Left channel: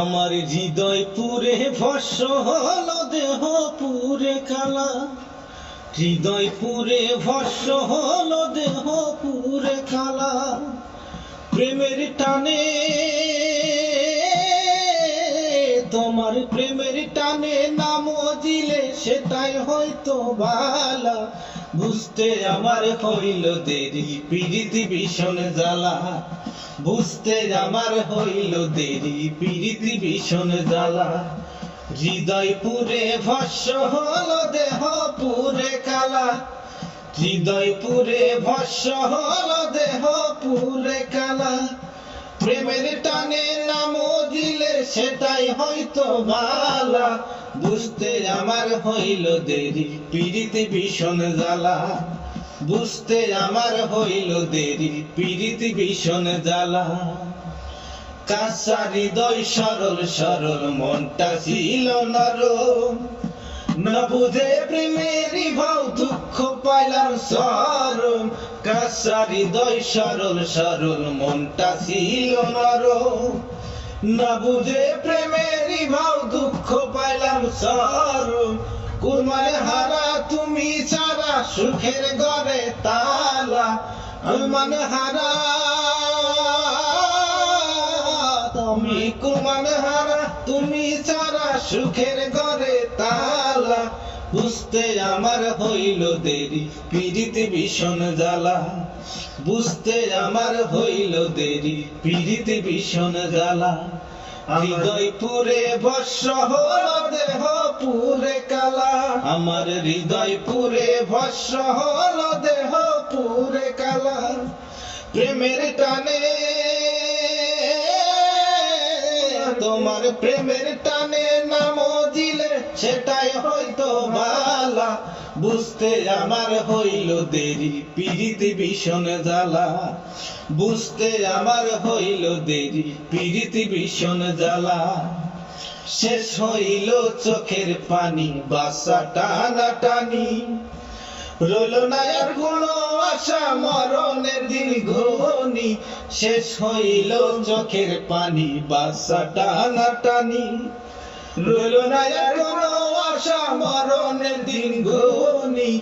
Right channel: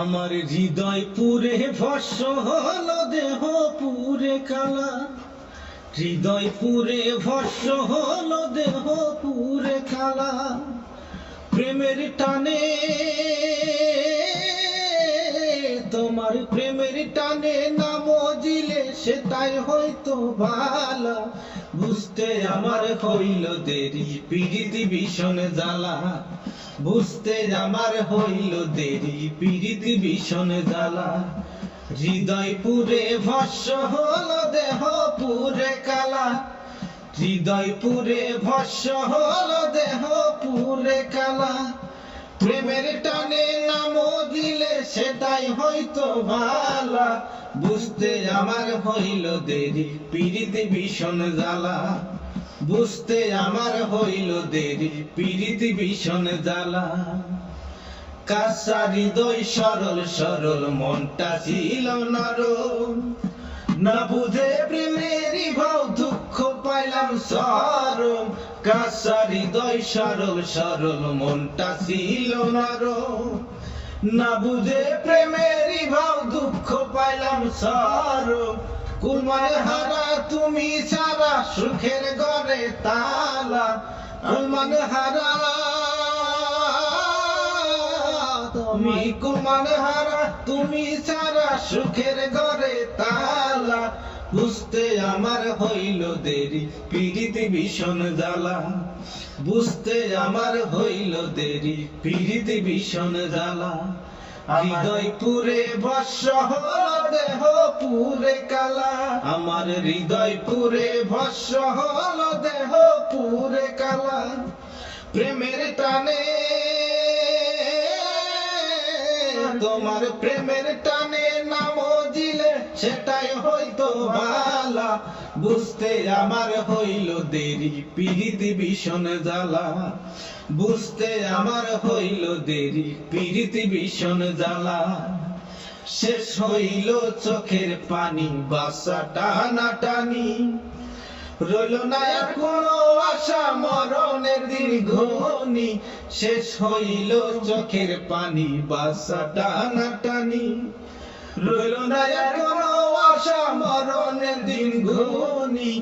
আমার হৃদয় পুরে ভস্ম হলো, দেহ পুরে কালা। হৃদয় পুরে ভস্ম হলো, দেহ পুরে কালা। প্রেমের টানে, তোমার প্রেমের টানে নাম দিলে সেটাই হয়তো বালা। বুঝতে আমার হইল দেরি, পিরিতি ভীষণ জ্বালা। বুঝতে আমার হইল দেরি, পিরিতি ভীষণ জ্বালা। হৃদয় পুরে ভস্ম হলো, দেহ পুরে কালা। হৃদয় পুরে ভস্ম হলো, দেহ পুরে কালা। প্রেমের টানে নাম দিলে সেটাই হয়তো বালা। বুঝতে আমার হইল দেরি, পিরিতি ভীষণ জ্বালা। বুঝতে আমার হইল দেরি, পিরিতি ভীষণ জ্বালা। কাঁচা হৃদয় সরল সরল, মনটা ছিল নরম। না বুঝে প্রেমেরই ভাও, দুঃখ পাইলাম চরম। কাঁচা হৃদয় সরল সরল, মনটা ছিল নরম। না বুঝে প্রেমেরই ভাও, দুঃখ পাইলাম চরম। কুলমান হারা তুমি ছাড়া, সুখের ঘরে তালা। কুলমান হারা তুমি, কুলমান হারা তুমি ছাড়া, সুখের ঘরে তালা। বুঝতে আমার হইল দেরি, পিরিতি ভীষণ জ্বালা। বুঝতে আমার হইল দেরি, পিরিতি ভীষণ জ্বালা। হৃদয় পুরে ভস্ম হলো, দেহ পুরে কালা। আমার হৃদয় পুরে ভস্ম হলো, দেহ পুরে কালা। প্রেমের টানে, তোমার প্রেমের টানে নাম দিলে সেটাই হয়তো বালা। বুঝতে আমার হইল দেরি, পিরিতি ভীষণ জ্বালা। বুঝতে আমার হইল দেরি, পিরিতি ভীষণ জ্বালা। শেষ হইল চোখের পানি, বাসা টানা টানি। রইল না আর কোনো আশা, মরণের দিন ঘনি। শেষ হইল চোখের পানি, বাসা টানা টানি। রইল না আর কোনো আশা, মরণের দিন ঘনি।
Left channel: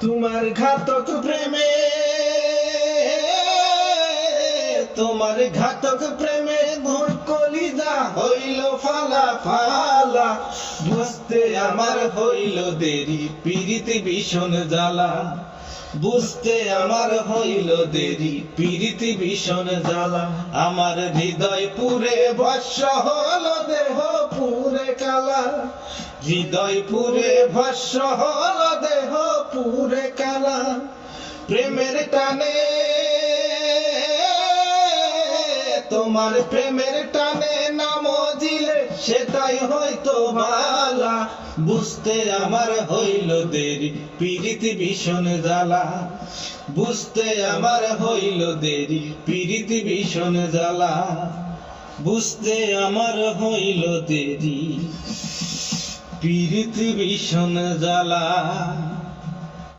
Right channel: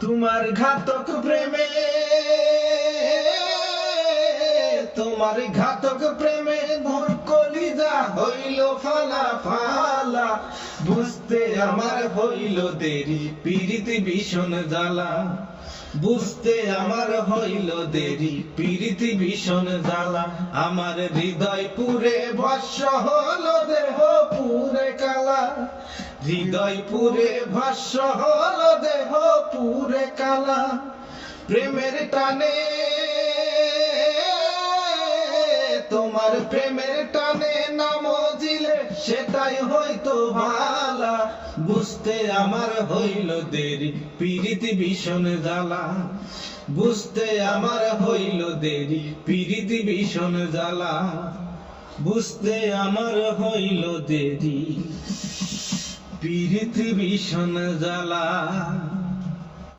তোমার ঘাতক প্রেমে, তোমার ঘাতক প্রেমে মোর কলিজা হইল ফালা ফালা। বুঝতে আমার হইল দেরি, পিরিতি ভীষণ জ্বালা। বুঝতে আমার হইল দেরি, পিরিতি ভীষণ জ্বালা। আমার হৃদয় পুরে ভস্ম হলো, দেহ পুরে কালা। হৃদয় পুরে ভস্ম হলো, দেহ পুরে কালা। প্রেমের টানে, তোমার প্রেমের টানে নাম দিলে সেটাই হয়তো বালা। বুঝতে আমার হইল দেরি, পিরিতি ভীষণ জ্বালা। বুঝতে আমার হইল দেরি, পিরিতি ভীষণ জ্বালা। বুঝতে আমার হইল দেরি, পিরিতি ভীষণ জ্বালা।